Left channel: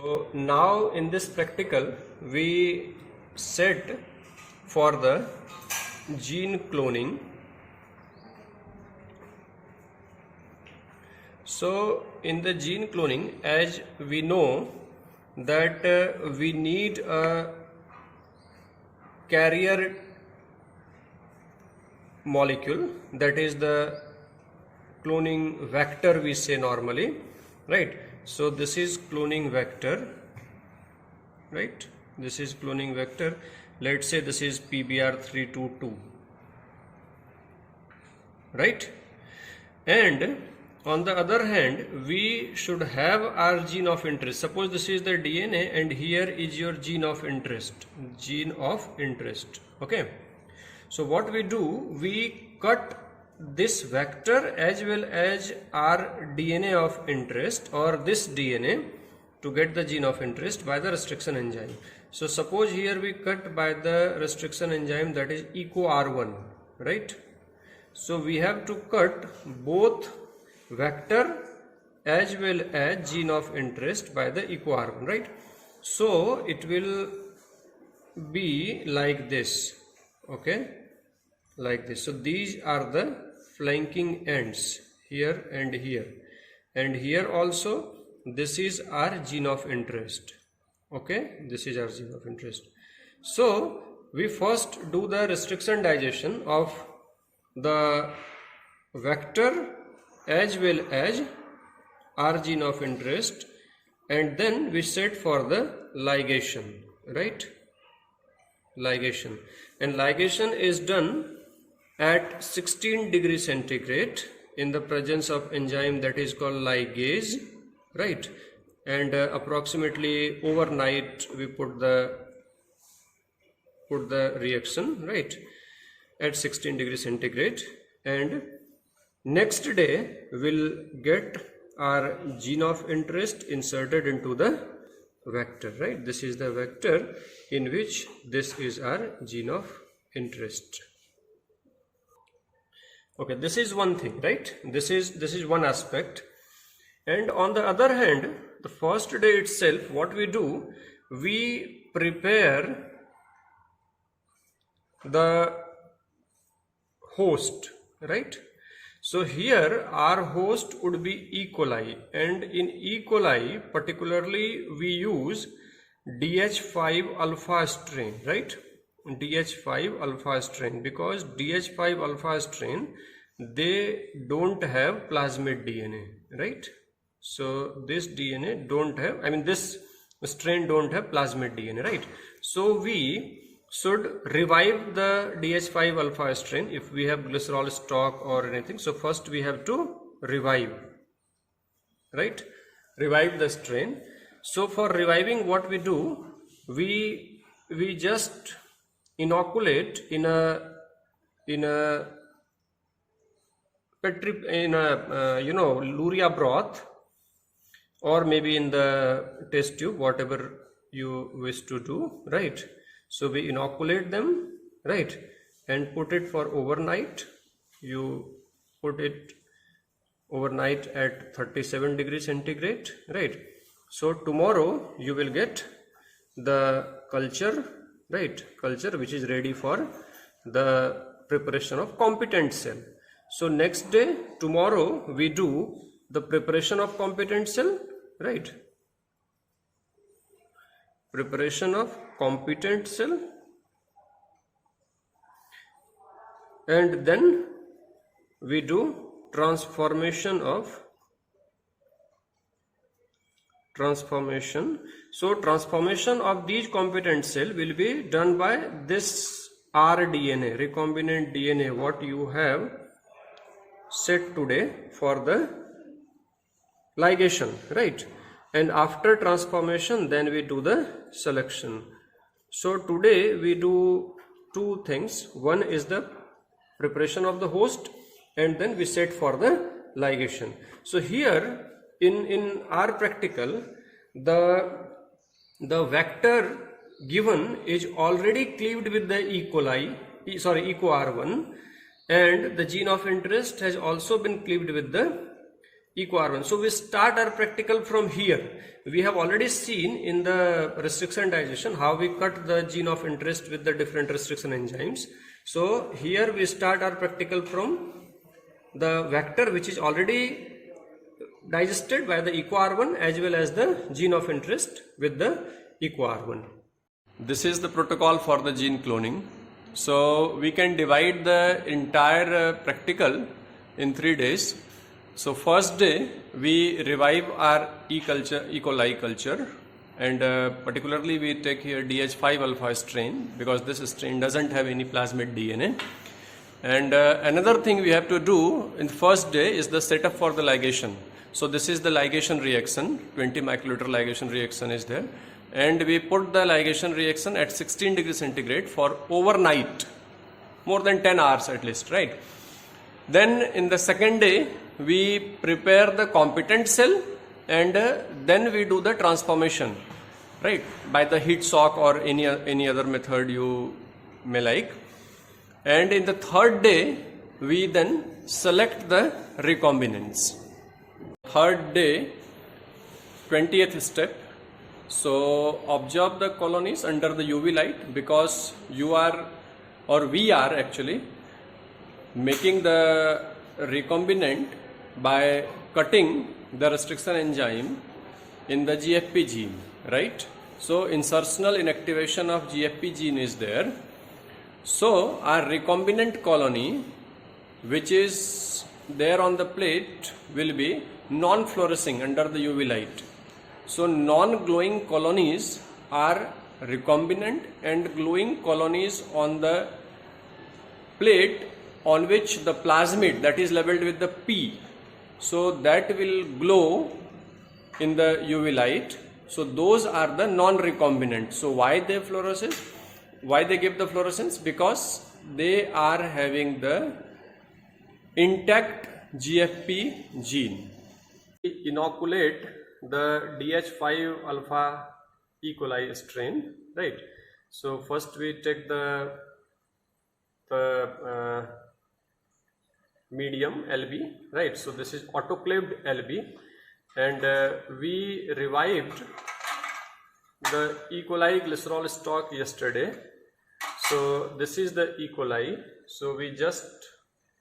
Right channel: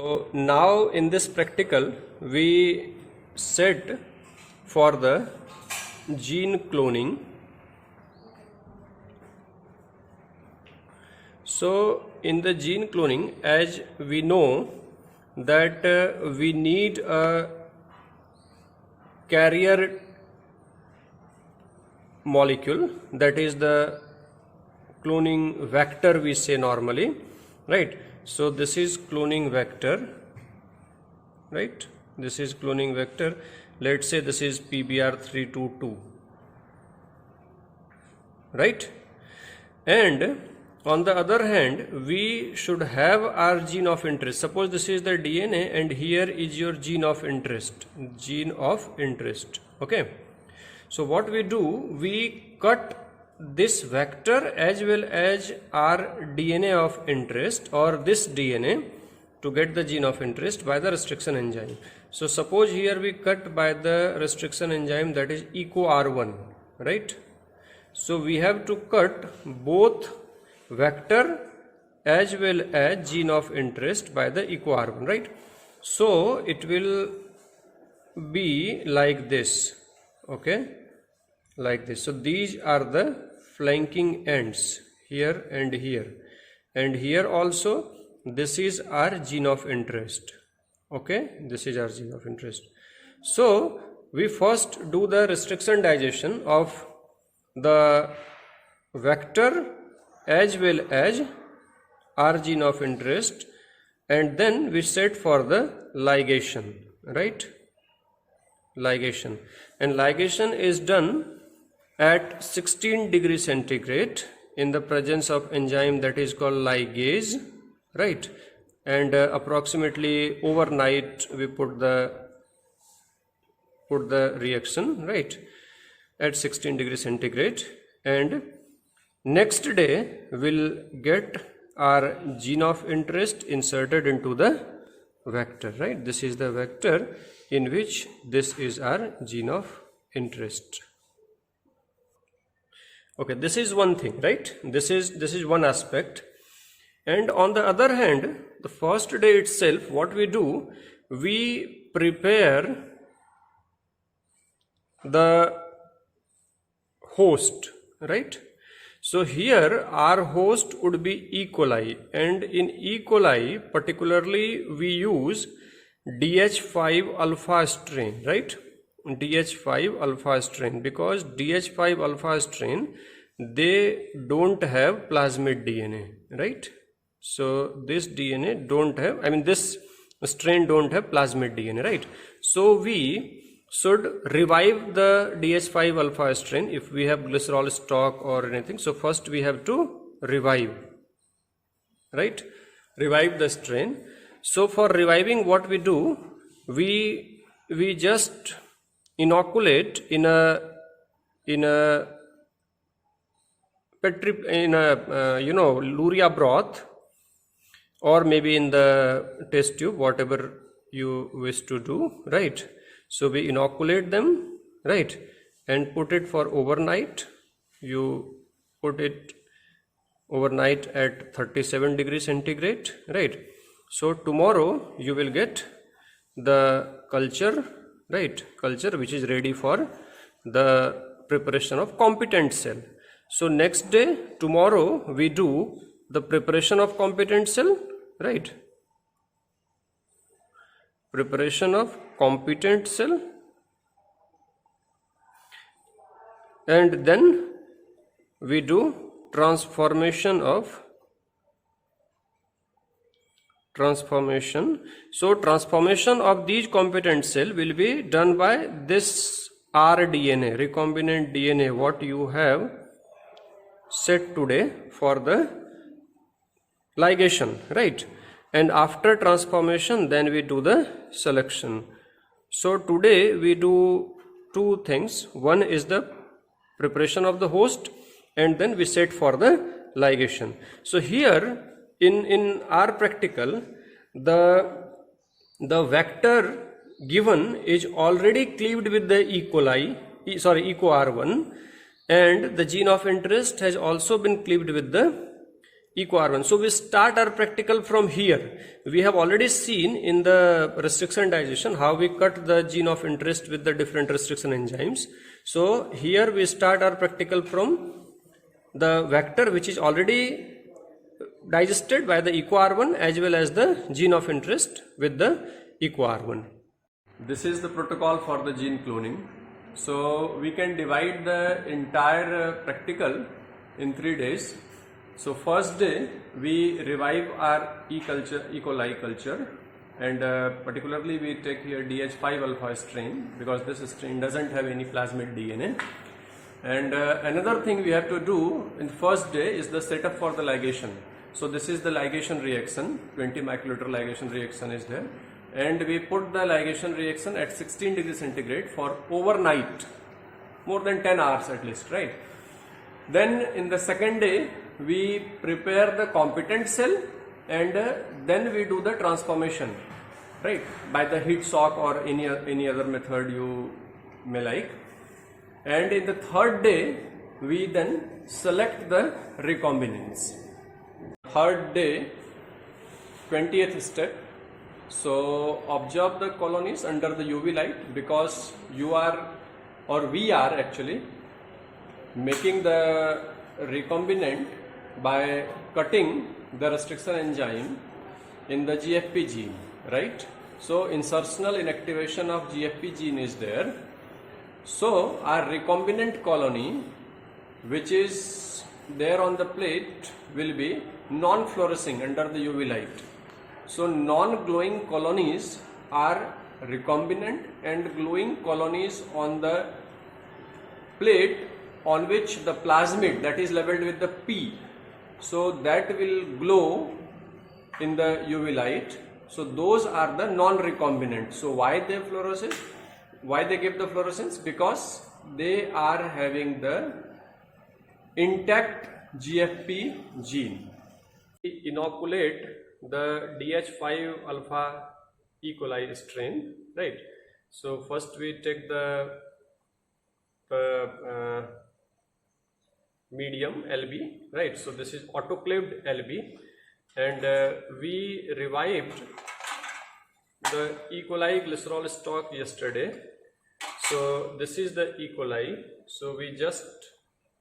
So now in this practical we set for the gene cloning. So in the gene cloning, as we know that we need a carrier molecule, that is the cloning vector we say normally, right? So this is cloning vector, right? This is cloning vector. Let's say this is PBR322, right? And on the other hand, we should have our gene of interest. Suppose this is the DNA and here is your gene of interest, okay? So what we do, we cut this vector as well as our DNA of interest or this DNA to get the gene of interest by the restriction enzyme. So suppose here we cut by the restriction enzyme, that is EcoR1, right? So we have to cut both vector as well as gene of interest by the EcoR1, right? So it will be like this, okay, like this. So these are the flanking ends, here and here, and here also this is our gene of interest, okay, this is our gene of interest. So we first do the restriction digestion of the vector as well as our gene of interest, and then we set for the ligation, right? Ligation, and ligation is done at 16 degrees centigrade in the presence of enzyme that is called ligase, right? And approximately overnight we put the reaction, right, at 16 degrees centigrade, and next day we'll get our gene of interest inserted into the vector, right? This is the vector in which this is our gene of interest. Okay, this is one thing, right? This is one aspect. And on the other hand, the first day itself, what we do, we prepare the host, right? So here our host would be E. coli, and in E. coli particularly we use DH5 alpha strain, right? DH5 alpha strain, because DH5 alpha strain, they don't have plasmid DNA, right? So this DNA don't have, I mean this strain don't have plasmid DNA, right? So we should revive the DH5 alpha strain if we have glycerol stock or anything. So first we have to revive, right? Revive the strain. So for reviving, what we do, we just inoculate in a luria broth, or maybe in the test tube, whatever you wish to do, right? So we inoculate them, right, and put it for overnight. You put it overnight at 37 degrees centigrade, right? So tomorrow you will get the culture, right, culture which is ready for the preparation of competent cell. So next day, tomorrow, we do the preparation of competent cell, right? Preparation of competent cell, and then we do transformation. So transformation of these competent cell will be done by this rDNA, recombinant DNA, what you have set today for the ligation, right? And after transformation, then we do the selection. So today we do two things. One is the preparation of the host, and then we set for the ligation. So here in our practical, the vector given is already cleaved with the EcoR1, and the gene of interest has also been cleaved with the eqr1. So we start our practical from here. We have already seen in the restriction digestion how we cut the gene of interest with the different restriction enzymes. So here we start our practical from the vector which is already digested by the eqr1 as well as the gene of interest with the eqr1. This is the protocol for the gene cloning. So we can divide the entire practical in 3 days. So first day we revive our E. coli culture, and particularly we take here DH5 alpha strain because this strain doesn't have any plasmid DNA. And another thing we have to do in first day is the setup for the ligation. So this is the ligation reaction, 20 microliter ligation reaction is there, and we put the ligation reaction at 16 degrees centigrade for overnight, more than 10 hours at least, right? Then in the second day we prepare the competent cell, and then we do the transformation, right, by the heat shock or any other method you may like. And in the third day we then select the recombinants. Third day, 20th step. So observe the colonies under the UV light, because you are, or we are actually making the recombinant by cutting the restriction enzyme in the GFP gene, right? So insertional inactivation of GFP gene is there. So our recombinant colony which is there on the plate will be non-fluorescing under the UV light. So non-glowing colonies are recombinant, and glowing colonies on the plate on which the plasmid, that is labeled with the P, so that will glow in the UV light. So those are the non-recombinant. So why they fluoresce? Why they give the fluorescence? Because they are having the intact GFP gene. We inoculate the DH5 alpha E. coli strain, right? So first we take the medium LB, right? So this is autoclaved LB, and we revived the E. coli glycerol stock yesterday. So this is the E. coli. So we just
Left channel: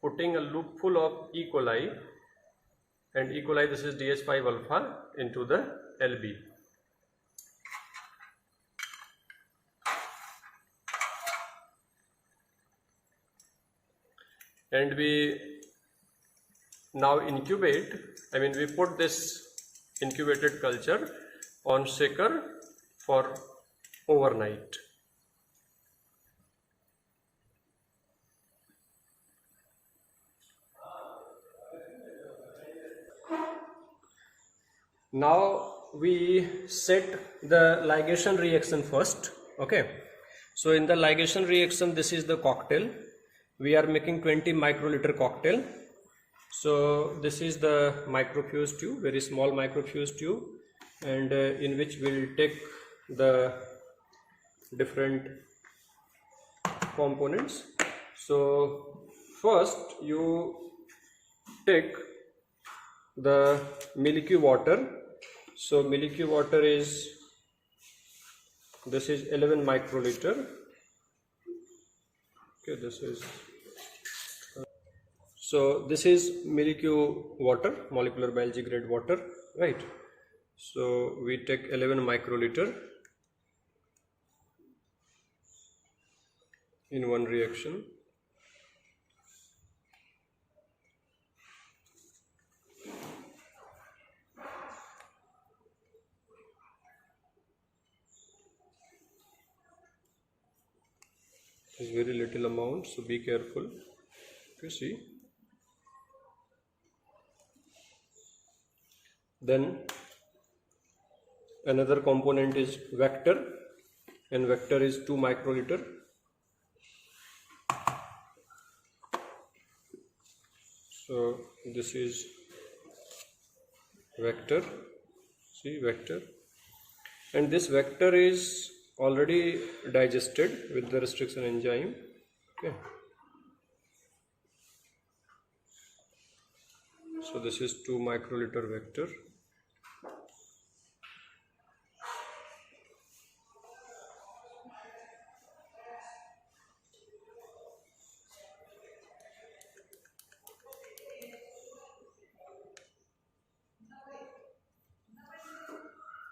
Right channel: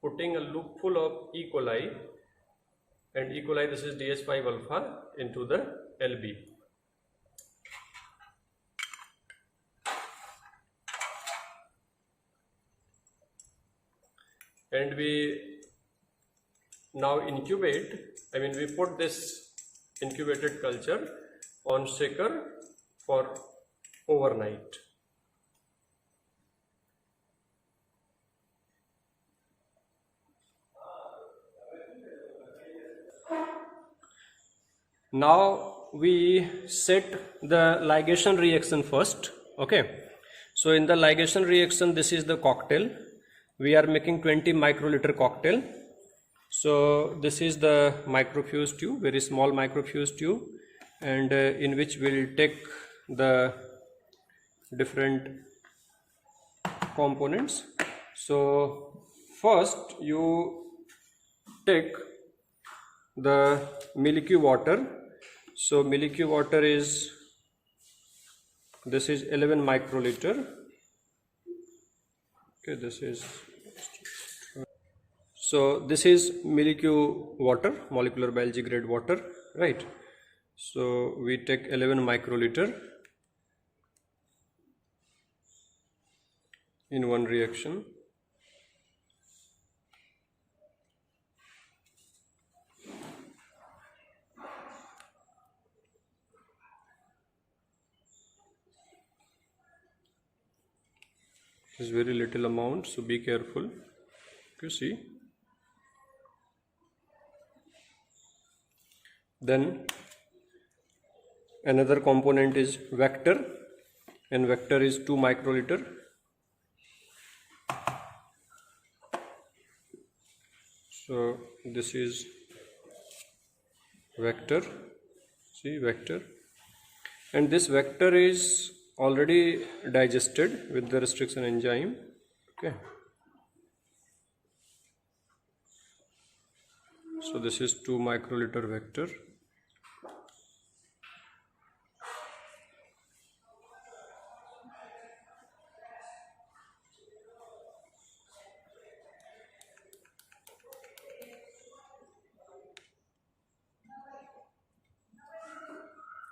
putting a loop full of E. coli, and E. coli, this is DH5 alpha, into the LB. And we now incubate, we put this incubated culture on shaker for overnight. Now we set the ligation reaction first. Okay, so in the ligation reaction, this is the cocktail. We are making 20 microliter cocktail. So this is the microfuse tube, very small microfuse tube, and in which we'll take the different components. So first you take the milky water. So milky water is, this is 11 microliter. Okay, this is, so this is milky water, molecular biology grade water, right? So we take 11 microliter in one reaction. Is very little amount, so be careful. You see. Then another component is vector, and vector is 2 microliter. So this is vector, see, vector, and this vector is already digested with the restriction enzyme. Okay, So this is 2 microliter vector.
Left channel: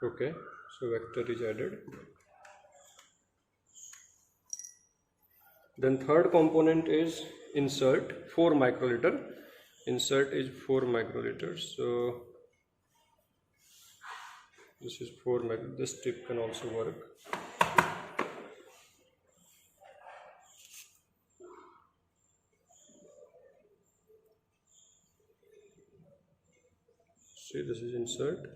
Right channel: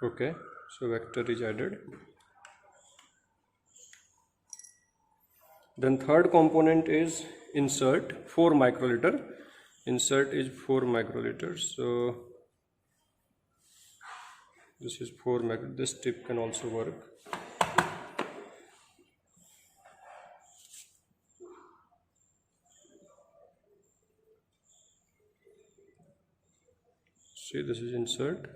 Okay, so vector is added. Then third component is insert, 4 microliter. Insert is 4 microliters. So this is 4 microliter. This tip can also work. See, this is insert.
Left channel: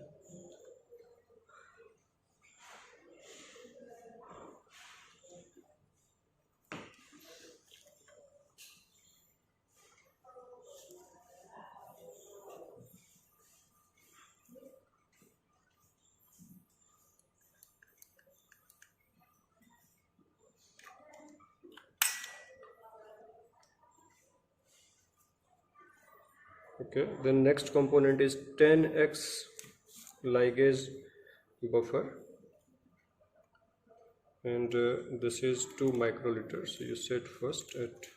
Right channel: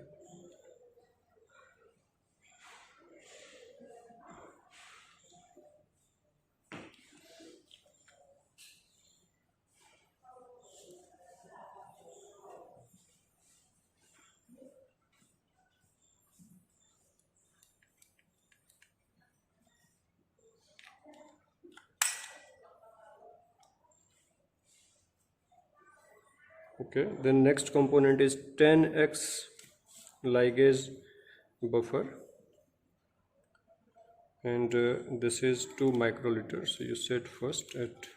Okay, then next component is 10x ligase buffer, and this is 2 microliter. So you set first at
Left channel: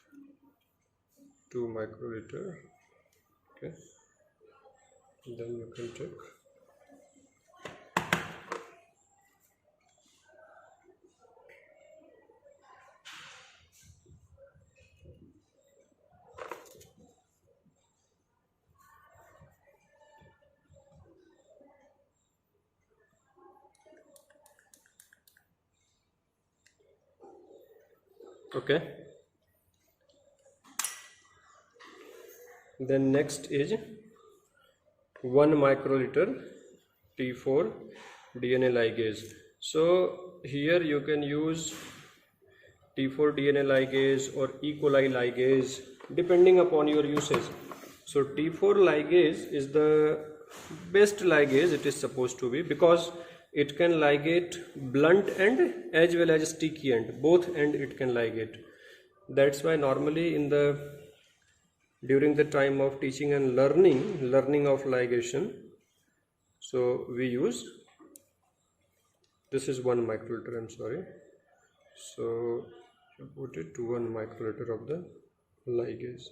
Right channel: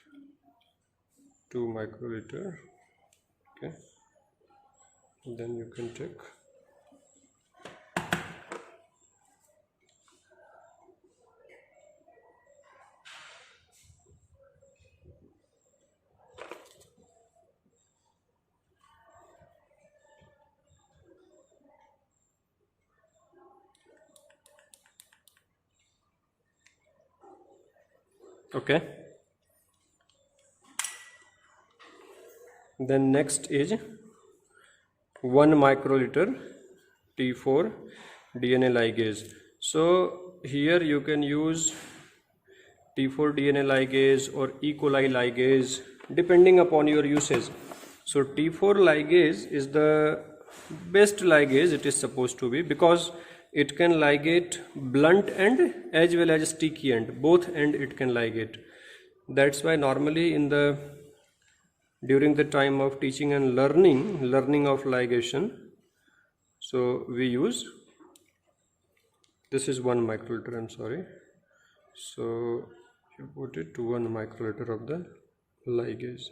2 microliter. Okay, then you can take. Okay, then next is 1 microliter T4 DNA ligase. So here you can use T4 DNA ligase or E. coli ligase depending upon your usage. So T4 ligase is the best ligase it is supposed to be, because it can ligate blunt end as well as sticky end. Both end it can ligate. That's why normally during the time of teaching and learning of ligation, so we use, this is 1 microliter, I'm sorry. So you put it to 1 microliter of the ligase.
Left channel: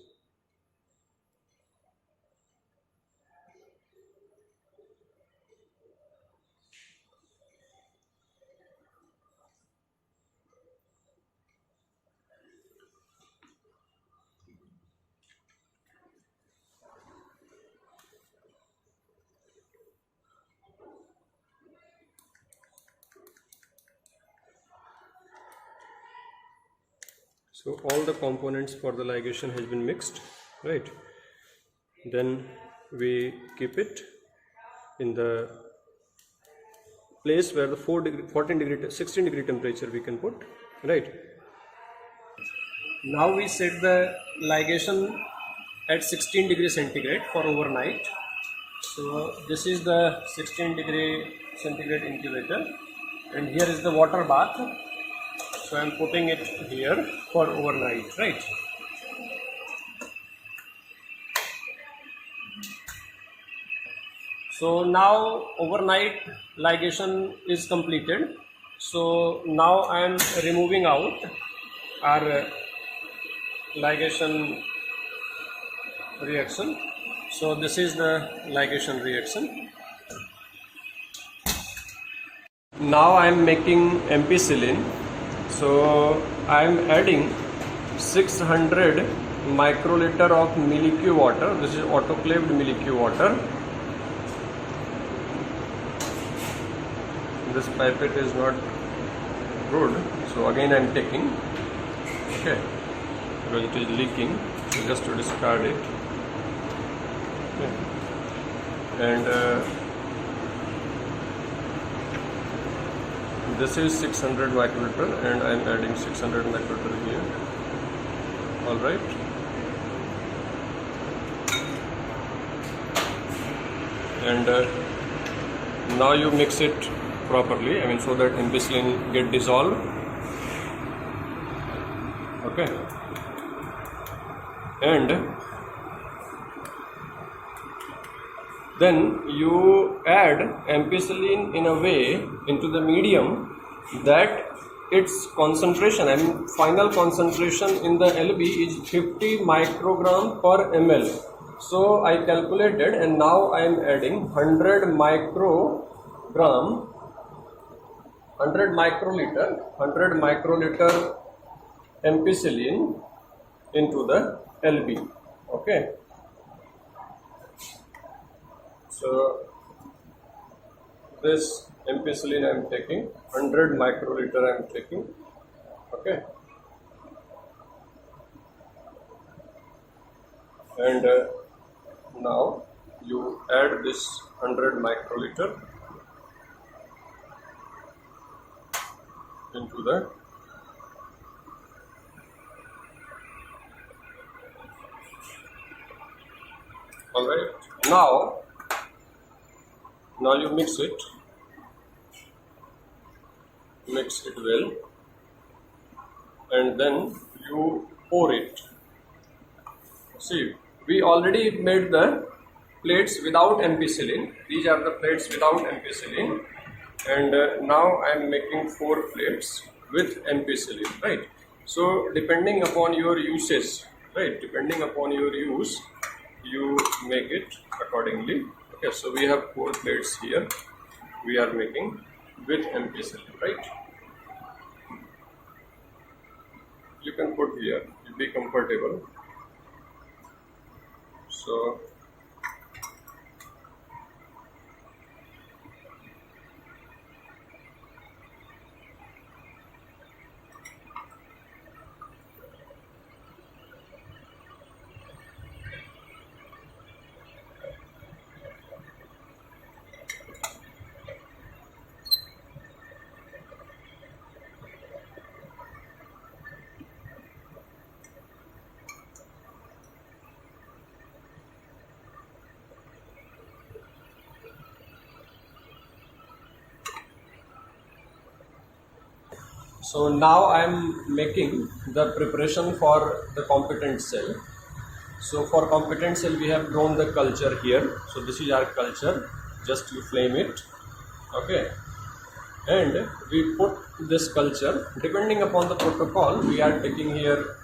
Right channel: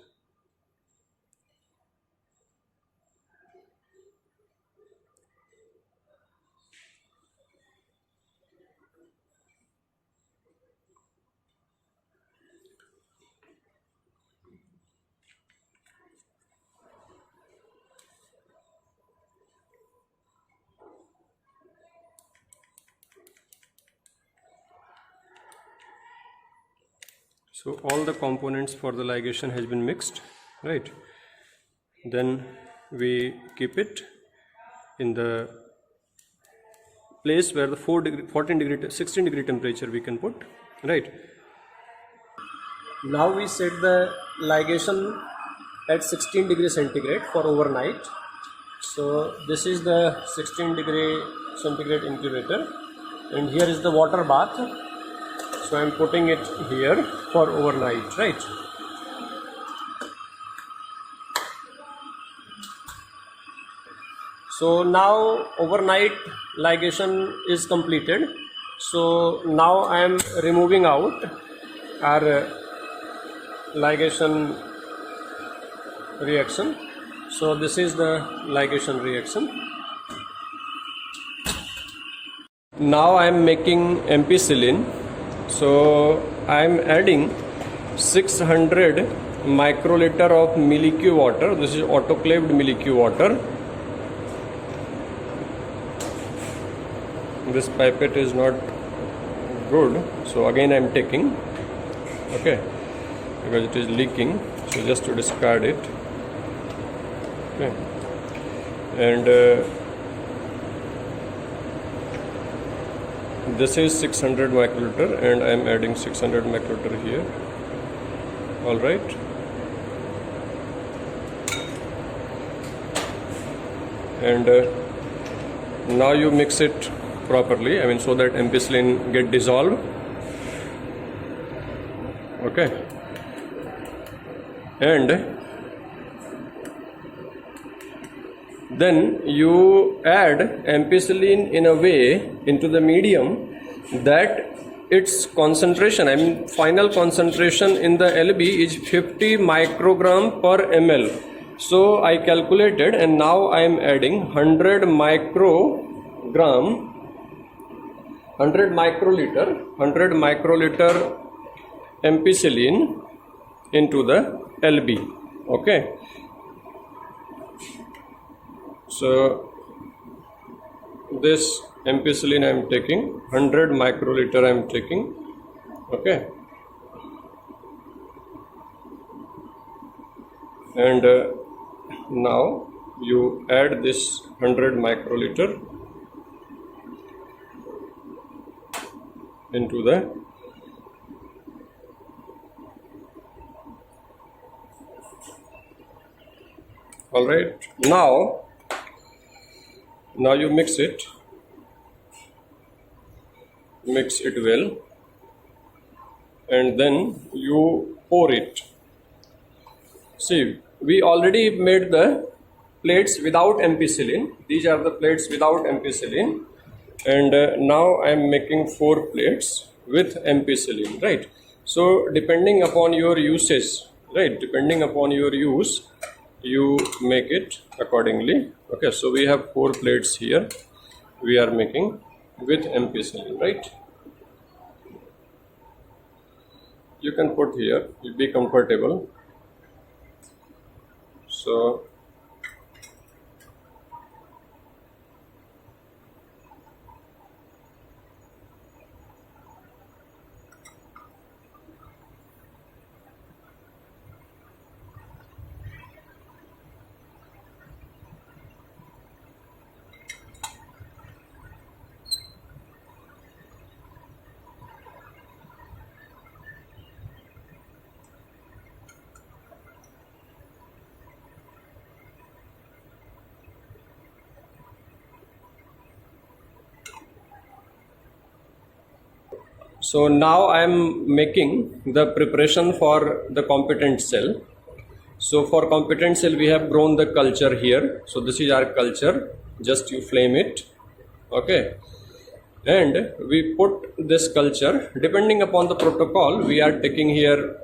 So all the components for the ligation has been mixed, right? Then we keep it in the place where the 16 degree temperature we can put, right? Now we set the ligation at 16 degree centigrade for overnight. So this is the 16 degree centigrade incubator, and here is the water bath. So I am putting it here for overnight, right? So now overnight ligation is completed. So now I am removing out our ligation reaction. So this is the ligation reaction. Now I am making ampicillin. So I am adding 600 microliter of milk water. This is autoclaved milk water. This pipette is not good, so again I am taking, okay, because it is leaking, so just to discard it. Okay. And this is 600 microliter, and I am adding 600 microliter here. All right. And now you mix it properly, I mean, so that ampicillin get dissolved. Okay. And then you add ampicillin in a way into the medium that its concentration, I mean final concentration in the LB is 50 microgram per ml. So I calculated, and now I am adding 100 microliter ampicillin into the LB. Okay. So this ampicillin I am taking, 100 microliter I am taking. Okay. And now you add this 100 microliter into the alright. Now you mix it well, and then you pour it. See, we already made the plates without ampicillin. These are the plates without ampicillin, and now I am making 4 plates with ampicillin, right? So depending upon your usage, right, depending upon your use, you make it accordingly. Okay, so we have 4 plates here we are making with ampicillin, right? You can put here, you'll be comfortable. So So now I am making the preparation for the competent cell. So for competent cell we have grown the culture here. So this is our culture, just you flame it, okay, and we put this culture. Depending upon the protocol, we are taking here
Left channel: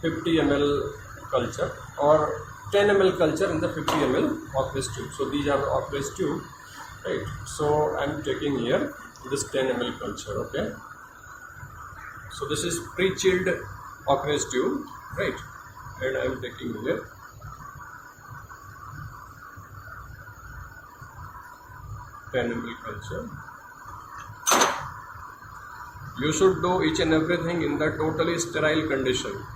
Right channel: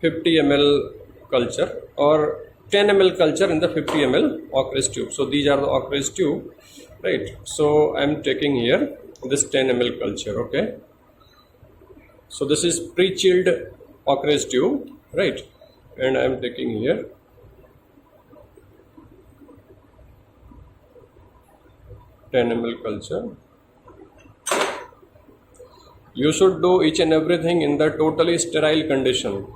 50 ml culture or 10 ml culture in the 50 ml Ockridge tube. So these are the Ockridge tube, right? So I am taking here this 10 ml culture, okay. So this is pre-chilled Ockridge tube, right, and I am taking here 10 ml culture. You should do each and everything in the totally sterile condition,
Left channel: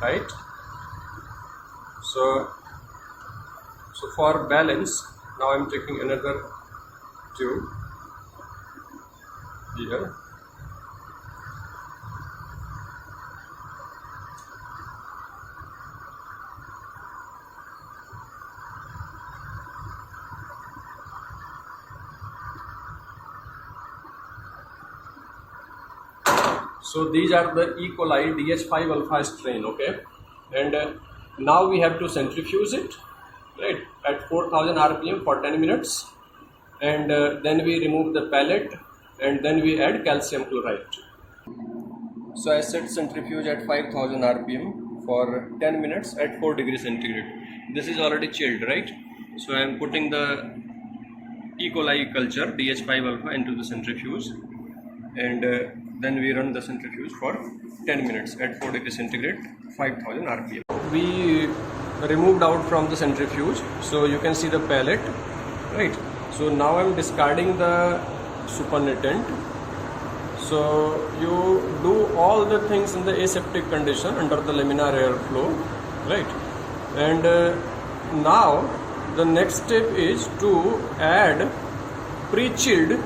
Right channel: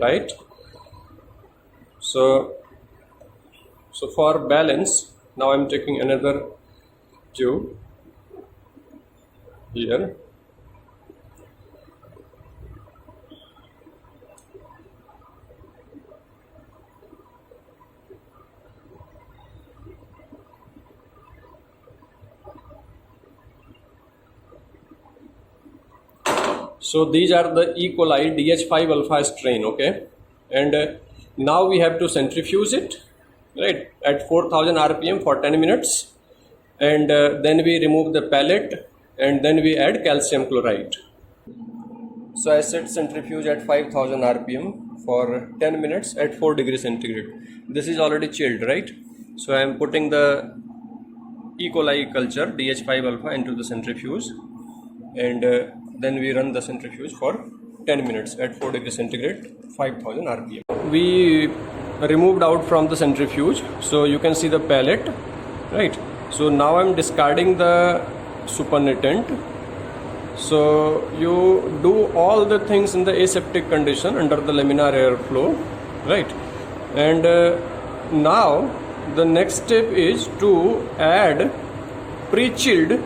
right? So for balance, now I am taking another tube here. So these are the E. coli DH5 alpha strain, okay, and now we have to centrifuge it, right, at 4000 rpm for 10 minutes, and then we remove the pellet, and then we add calcium chloride. So I set centrifuge at 5000 rpm for 10 minutes at 4 degrees centigrade. This is already chilled, right? So I am putting the E. coli culture DH5 alpha into the centrifuge, and then we run the centrifuge for 10 minutes at 4 degrees centigrade, 5000 rpm. We removed out from the centrifuge, so you can see the pellet, right? So now I am discarding the supernatant. So you do all the things in the aseptic condition under the laminar air flow, right? And now the next step is to add pre-chilled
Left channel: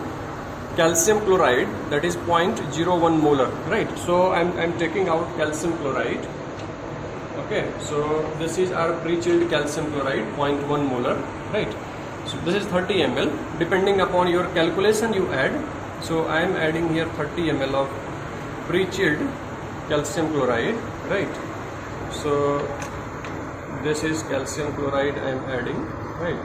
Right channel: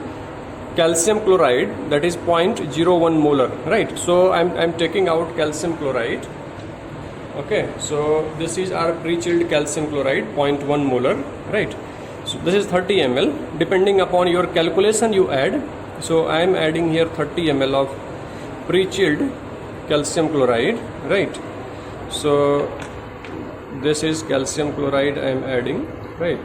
calcium chloride, that is 0.01 molar, right? So I'm taking out calcium chloride, okay. So this is our pre-chilled calcium chloride, 0.1 molar, right? So this is 30 ml. Depending upon your calculation you add. So I am adding here 30 ml of pre-chilled calcium chloride, right? So this is calcium chloride I am adding, right?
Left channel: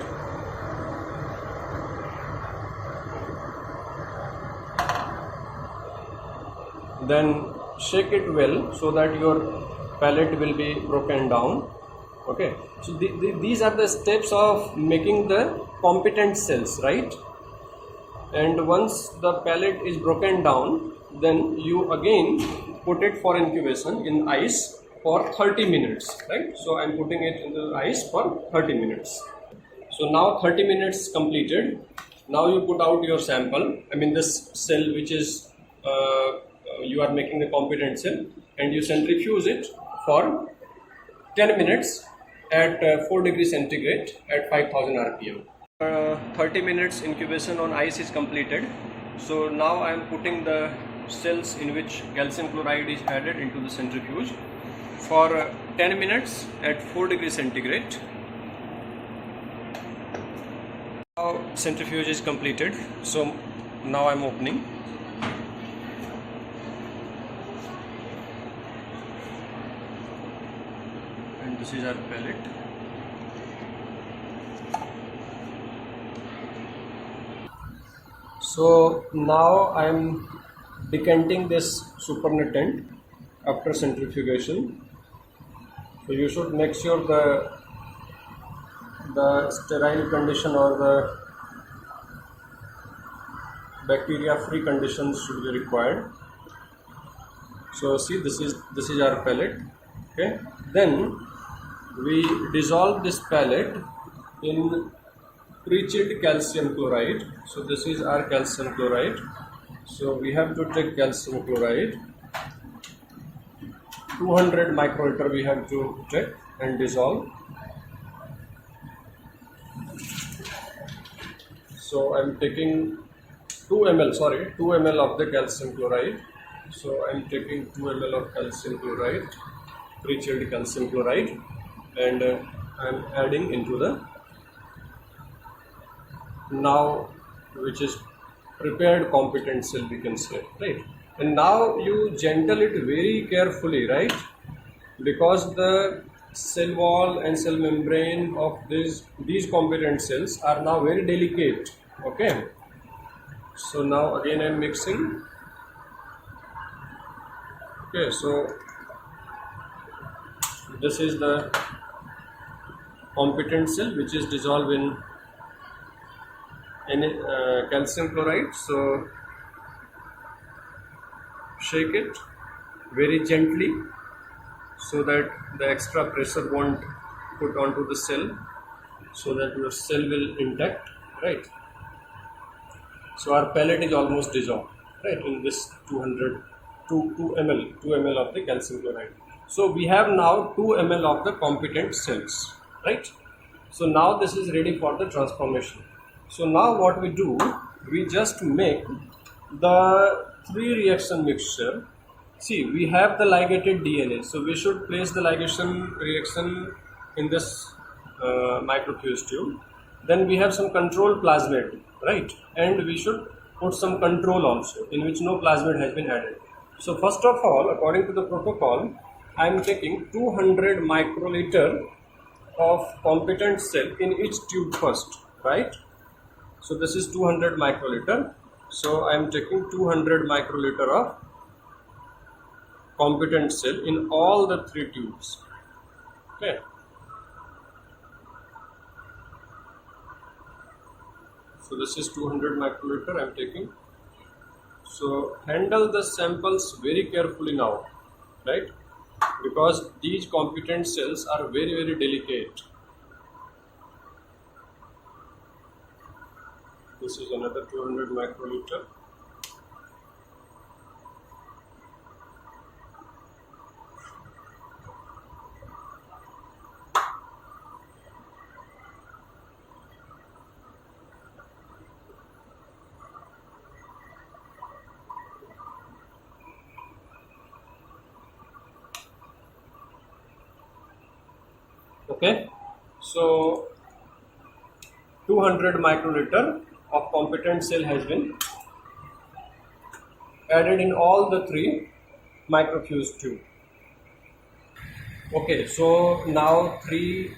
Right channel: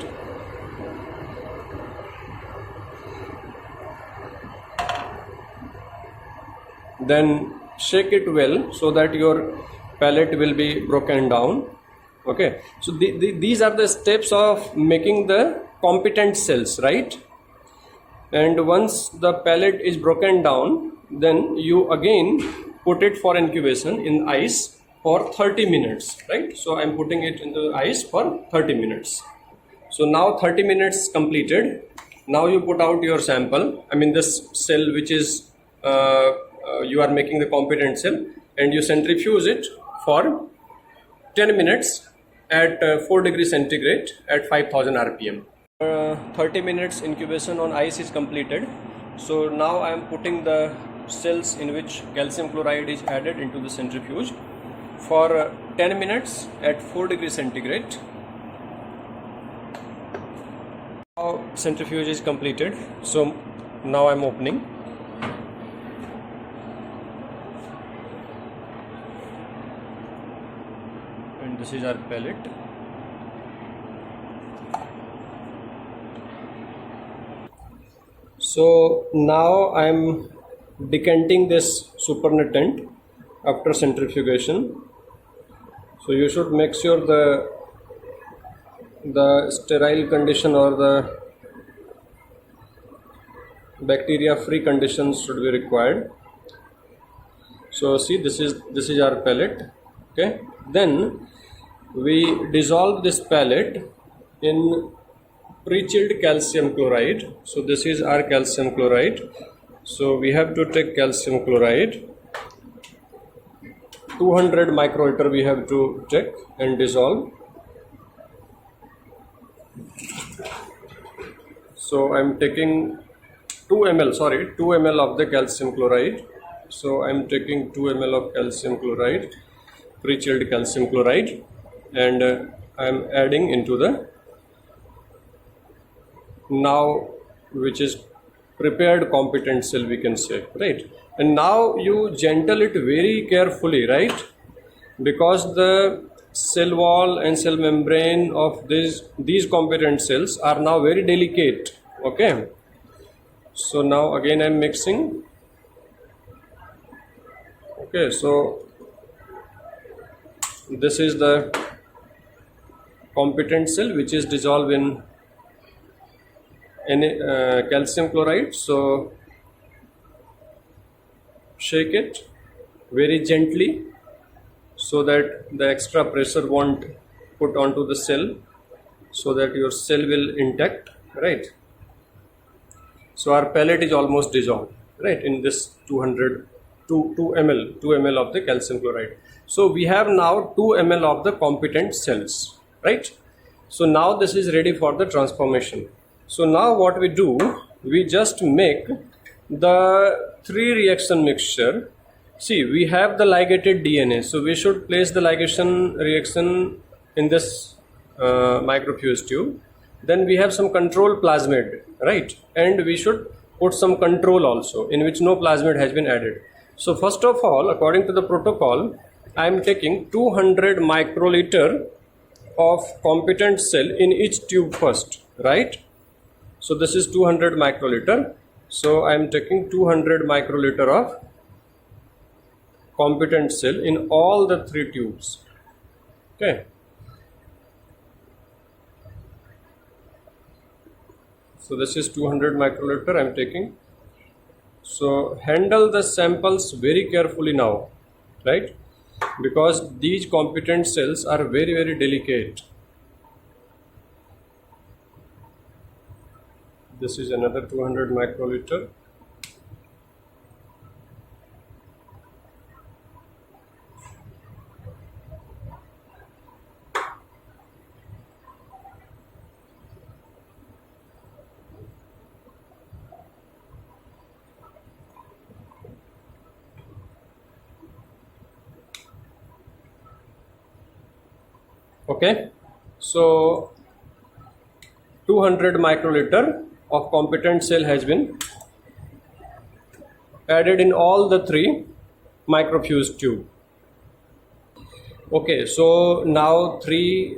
Then shake it well so that your pellet will be broken down. Okay, so these are the steps of making the competent cells, right? And once the pellet is broken down, then you again put it for incubation in ice for 30 minutes, right? So I'm putting it into ice for 30 minutes. So now 30 minutes completed. Now you put out your sample, I mean this cell which is you are making the competent cell, and you centrifuge it for 10 minutes at 4 degrees centigrade at 5000 rpm. 30 minutes incubation on ice is completed. So now I am putting the cells in which calcium chloride is added into the centrifuge for 10 minutes at 4 degrees centigrade. Now centrifuge is completed. So now I am opening. And this is our pellet. So now I am decanting this supernatant after centrifugation. So you should make sure the sterile condition or the bacteria free conditions should be required. So see, this is our pellet. Okay, then we dissolve this pellet in pre-chilled calcium chloride. So this is our calcium chloride. So we have to take calcium chloride, 200 microliter we have to take and dissolve. So I am taking 2 ml of the calcium chloride. So I am taking 2 ml of calcium chloride, pre-chilled calcium chloride, and I am adding into the now which is prepared competent cell, we can say, right? And now you gentle it very carefully, right? Because the cell wall and cell membrane of these competent cells are now very delicate. Okay, so now again I am mixing. Okay, so this is the competent cell which is dissolved in calcium chloride. So shake it very gently so that the extra pressure won't put onto the cell, so that your cell will intact, right? So our pellet is almost dissolved, right, in this 2 ml of the calcium chloride. So we have now 2 ml of the competent cells, right? So now this is ready for the transformation. So now what we do, we just make the 3 reaction mixture. See, we have the ligated DNA, so we should place the ligation reaction in this microfuse tube. Then we have some control plasmid, right? And we should put some control also in which no plasmid has been added. So first of all, according to the protocol, I am taking 200 microliter of competent cell in each tube first, right? So this is 200 microliter. So I am taking 200 microliter of competent cell in all the 3 tubes. Okay. So this is 200 microliter I am taking. So handle the samples very carefully now, right? Because these competent cells are very, very delicate. This is another 200 microliter. Okay, so 200 microliter of competent cell has been added in all the 3 microfuse tube. Okay, so now three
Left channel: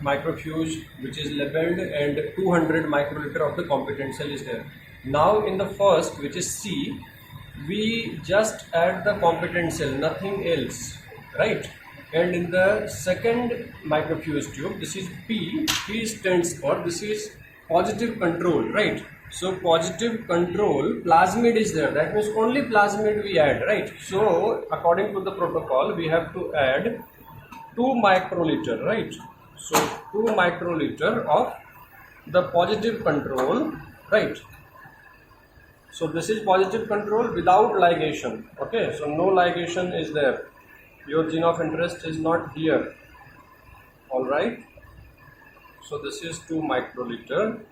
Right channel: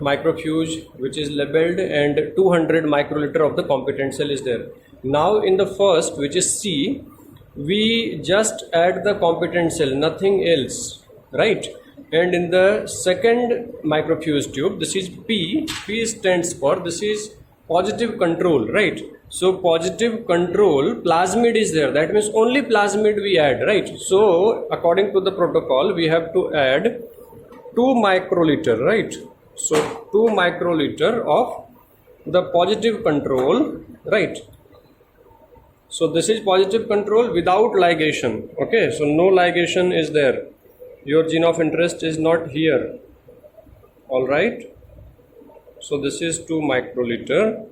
microfuge which is labeled and 200 microliter of the competent cell is there. Now in the first, which is C, we just add the competent cell, nothing else, right? And in the second microfuge tube, this is P. P stands for, this is positive control, right? So positive control, plasmid is there, that means only plasmid we add, right? So according to the protocol, we have to add 2 microliter, right? So 2 microliter of the positive control, right? So this is positive control without ligation. Okay, so no ligation is there, your gene of interest is not here. All right, so this is 2 microliter.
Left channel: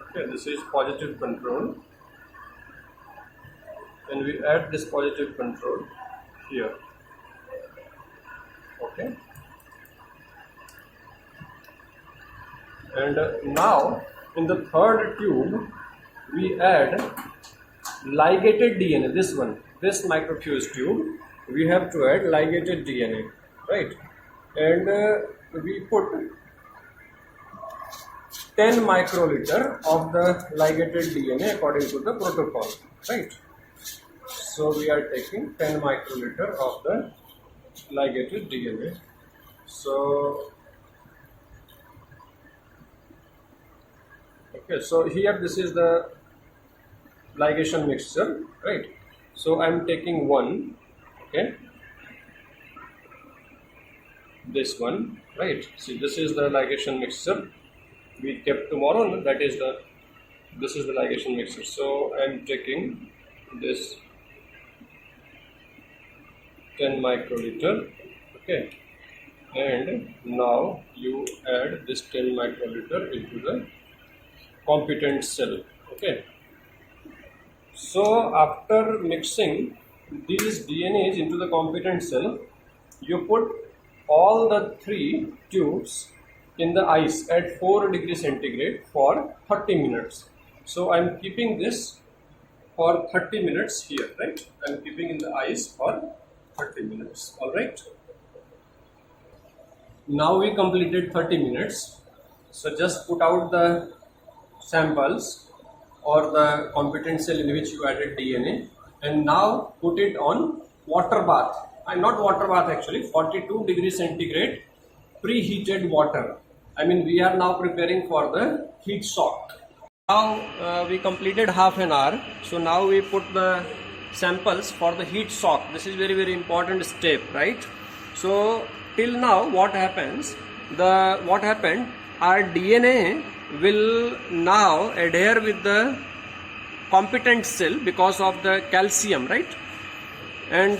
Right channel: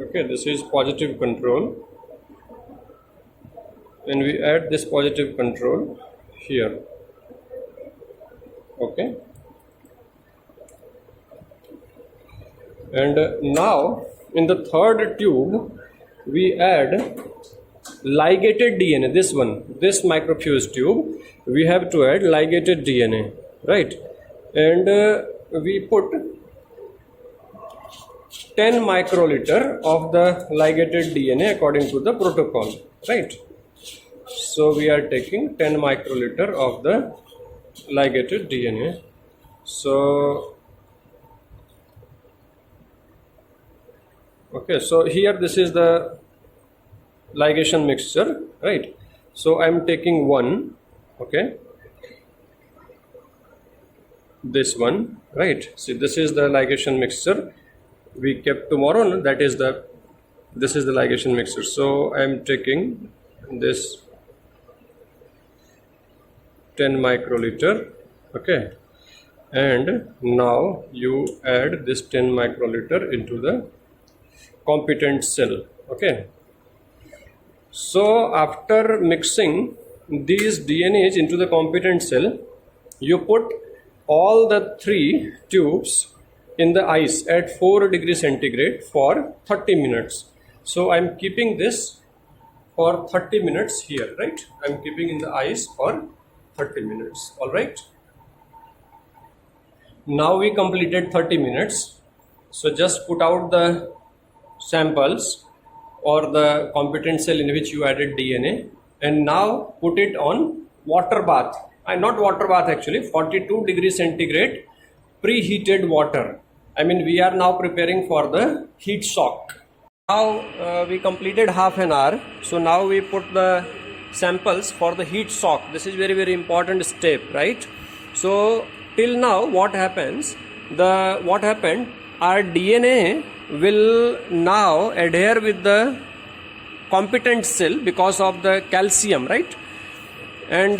Okay, this is positive control, and we add this positive control here. Okay, and now in the third tube we add ligated DNA, this one, this microfuge tube, we have to add ligated DNA, right? And we put 10 microliter of the ligated DNA according to the protocol, right? So we are taking 10 microliter of the ligated DNA. So okay, so here this is the ligation mixture, right? So I'm taking one, okay, this one, right? See, this is the ligation mixture we kept tomorrow, no? That is the, this is the ligation mixture. So I'm taking this 10 microliter, okay, and now you add this 10 microliter into the competent cell. Okay, so after mixing these DNAs into the competent cell, you put all the three tubes in the ice at 4 degrees centigrade for 30 minutes. So I'm keeping this for 30 minutes here, right? I'm keeping in the ice for 30 minutes. All right, now we completed 30 minutes. So just put out the samples or the competent cell in which you added DNA, and now put it on water bath. Not water bath actually, 42 degrees centigrade preheated water. I mean, we are now preparing for the heat soak. Now we completed half an hour. So now we put the samples for the heat soak. This is very, very important step, right? So till now what happens, what happened, our DNA will now adhere with the competent cell because of the calcium, right? And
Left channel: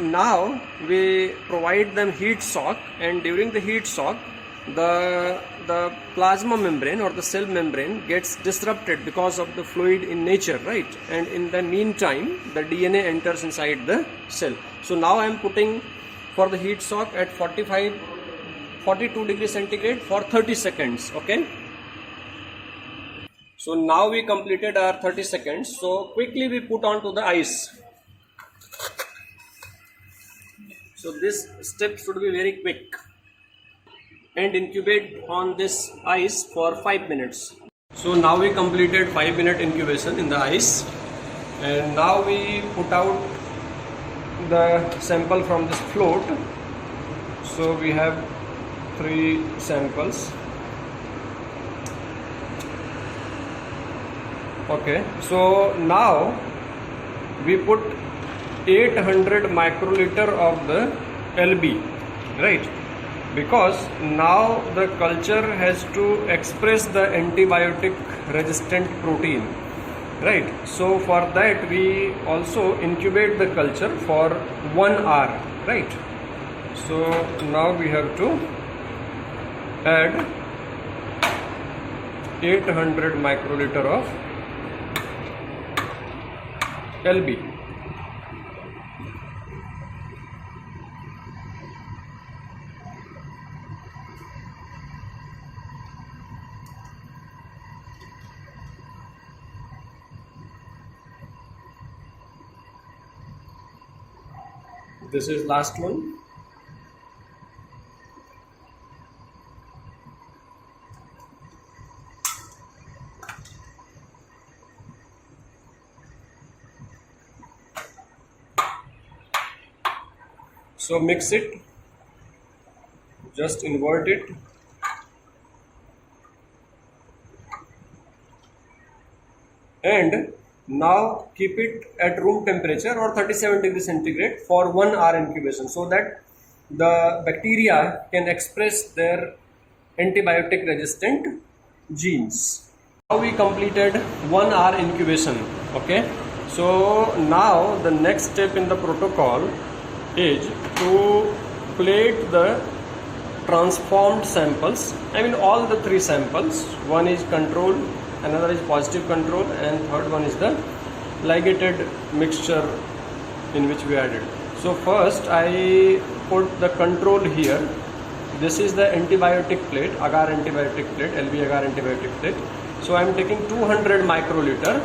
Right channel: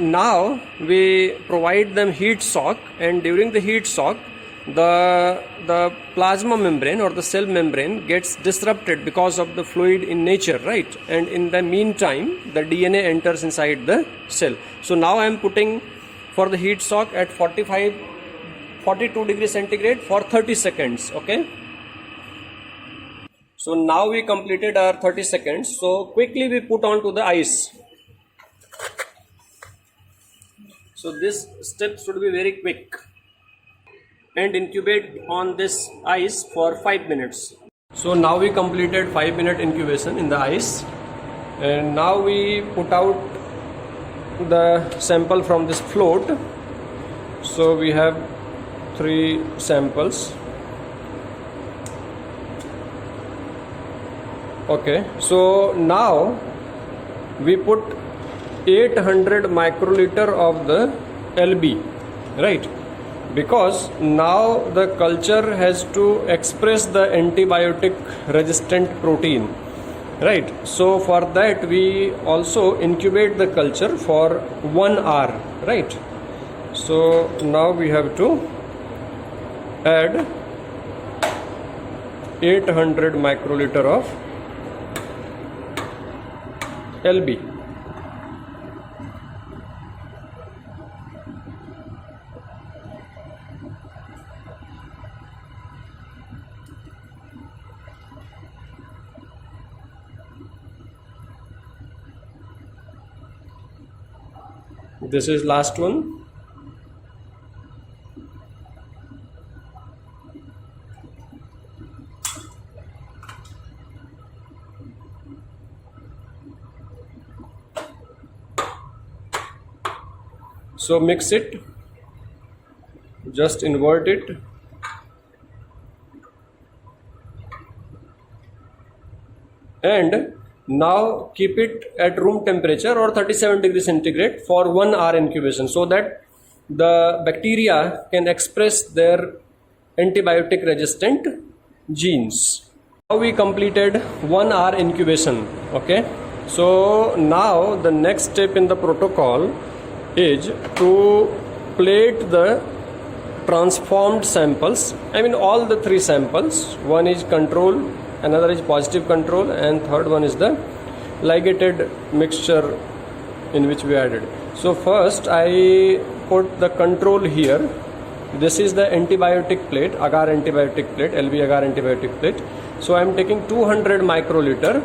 now we provide them heat soak, and during the heat soak the plasma membrane or the cell membrane gets disrupted because of the fluid in nature, right? And in the meantime the DNA enters inside the cell. So now I am putting for the heat soak at 42 degrees centigrade for 30 seconds. Okay, so now we completed our 30 seconds. So quickly we put on to the ice. So this step should be very quick, and incubate on this ice for 5 minutes. So now we completed 5-minute incubation in the ice, and now we put out the sample from this float. So we have 3 samples. Okay, so now we put 800 microliter of the LB, right? Because now the culture has to express the antibiotic resistant protein, right? So for that we also incubate the culture for 1 hour, right? So now we have to add 800 microliter of LB. This is last one. So mix it, just invert it, and now keep it at room temperature or 37 degrees centigrade for 1 hour incubation, so that the bacteria can express their antibiotic resistant genes. Now we completed 1 hour incubation. Okay, so now the next step in the protocol is to plate the transformed samples. I mean all the three samples. One is control, another is positive control, and third one is the ligated mixture in which we added. So first I put the control here. This is the antibiotic plate, agar antibiotic plate, LV agar antibiotic plate. So I am taking 200 microliter.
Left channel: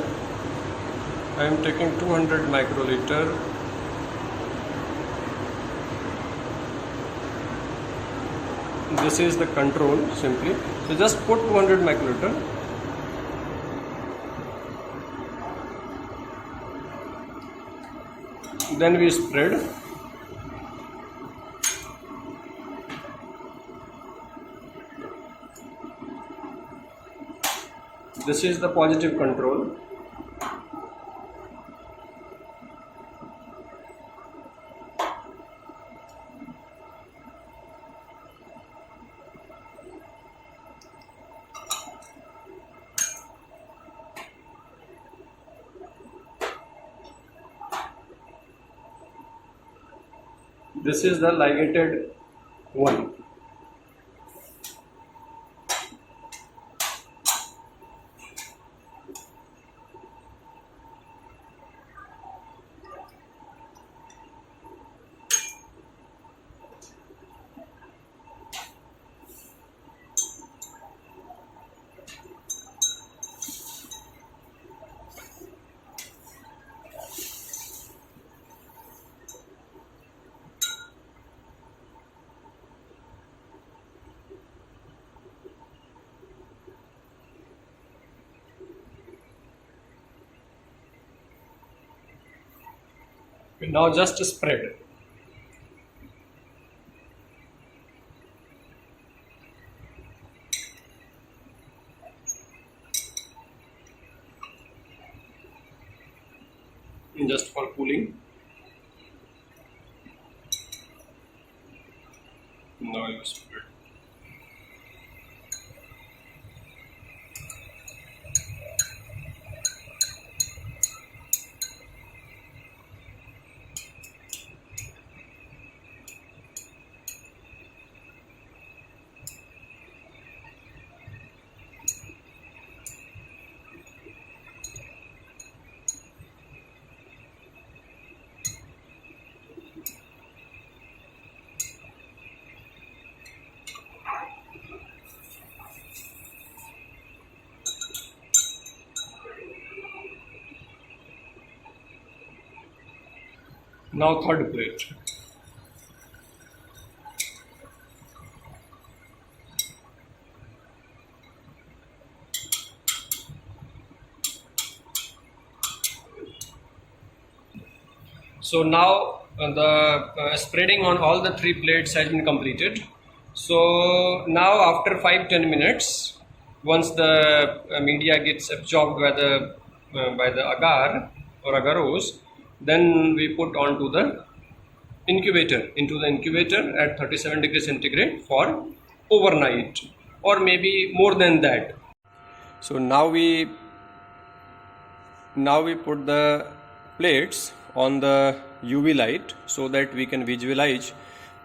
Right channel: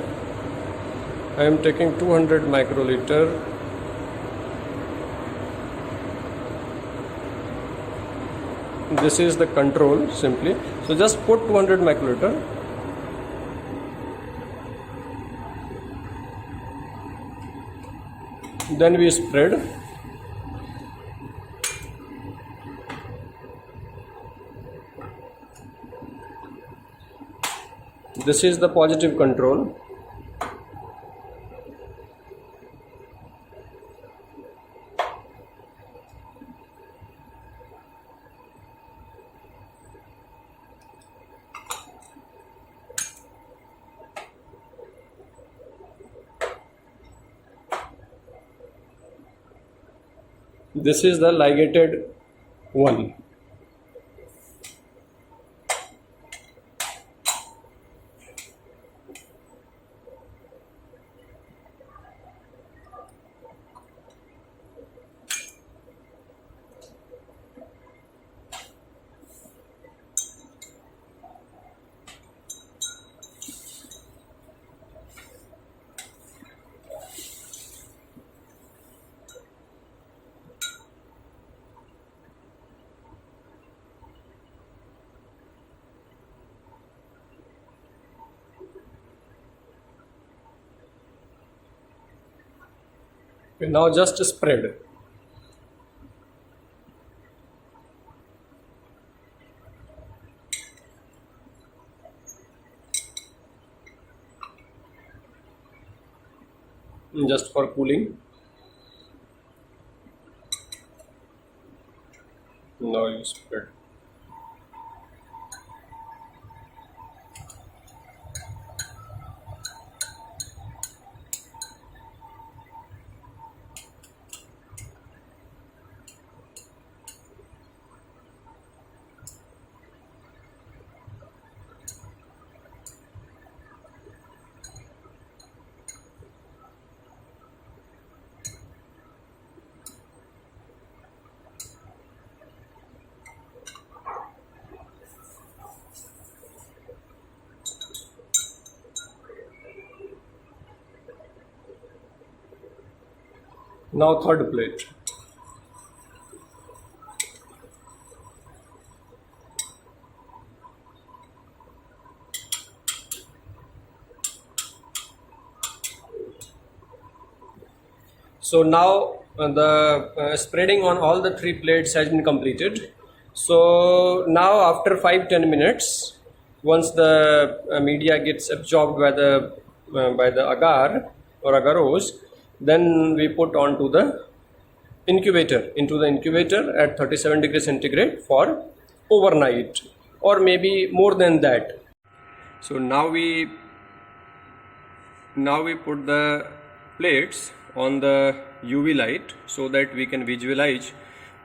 I am taking 200 microliter. This is the control simply. So just put 200 microliter. Then we spread. This is the positive control. This is the ligated one. Okay, now just spread. Just for cooling. Now you spread. Now third plate. So now the spreading on all the three plates has been completed. So now after 5-10 minutes, once the media gets absorbed by the agar or agarose, then we put onto the into the incubator at 37 degrees centigrade for overnight or maybe more than that. So now we put the plates on the UV light so that we can visualize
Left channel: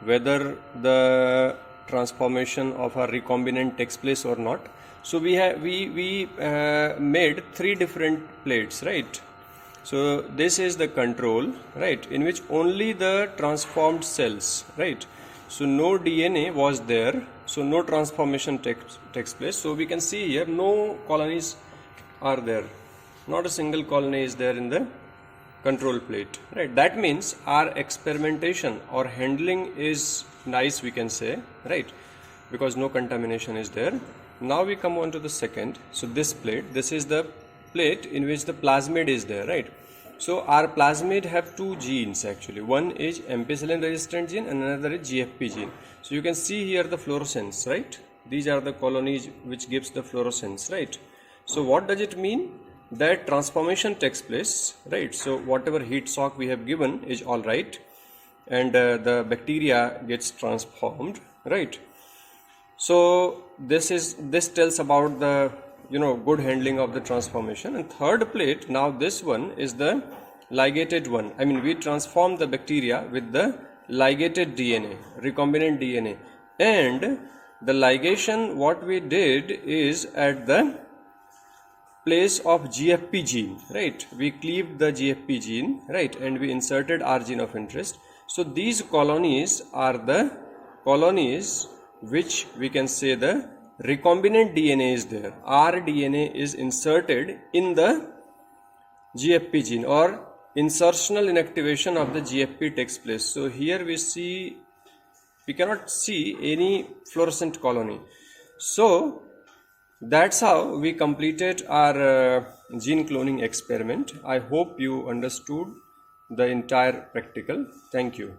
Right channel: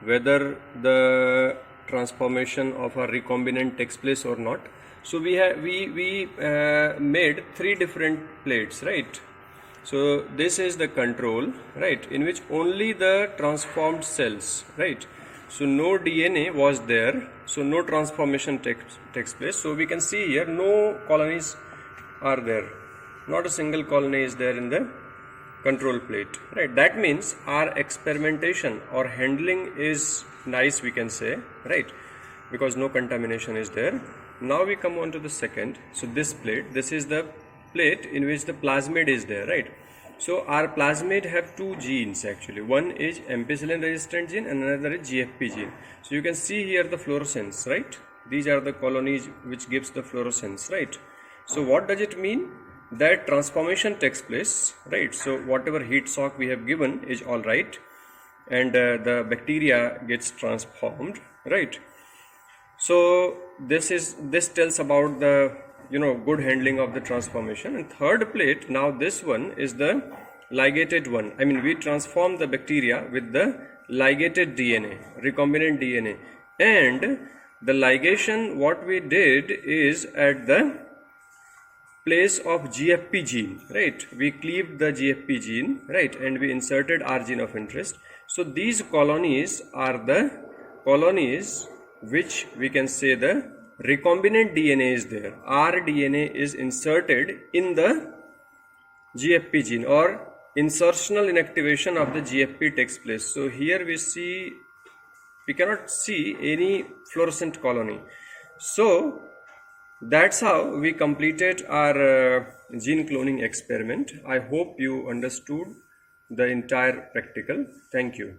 whether the transformation of a recombinant takes place or not. So we made three different plates, right? So this is the control, right, in which only the transformed cells, right? So no DNA was there, so no transformation takes place. So we can see here no colonies are there, not a single colony is there in the control plate, right? That means our experimentation or handling is nice, we can say, right, because no contamination is there. Now we come on to the second. So this plate, this is the plate in which the plasmid is there, right? So our plasmid have two genes actually. One is ampicillin resistant gene and another is GFP gene. So you can see here the fluorescence, right? These are the colonies which gives the fluorescence, right? So what does it mean? That transformation takes place, right? So whatever heat shock we have given is all right, and the bacteria gets transformed, right? So this tells about the good handling of the transformation. And third plate, now this one is the ligated one. I mean, we transform the bacteria with the ligated DNA, recombinant DNA, and the ligation what we did is at the place of GFP gene, right? We cleaved the GFP gene, right, and we inserted our gene of interest. So these colonies are the colonies which we can say the recombinant DNA is there. Our DNA is inserted in the GFP gene, or insertional inactivation of the GFP takes place. So here we cannot see any fluorescent colony. So that's how we completed our gene cloning experiment. I hope you understood the entire practical. Thank you.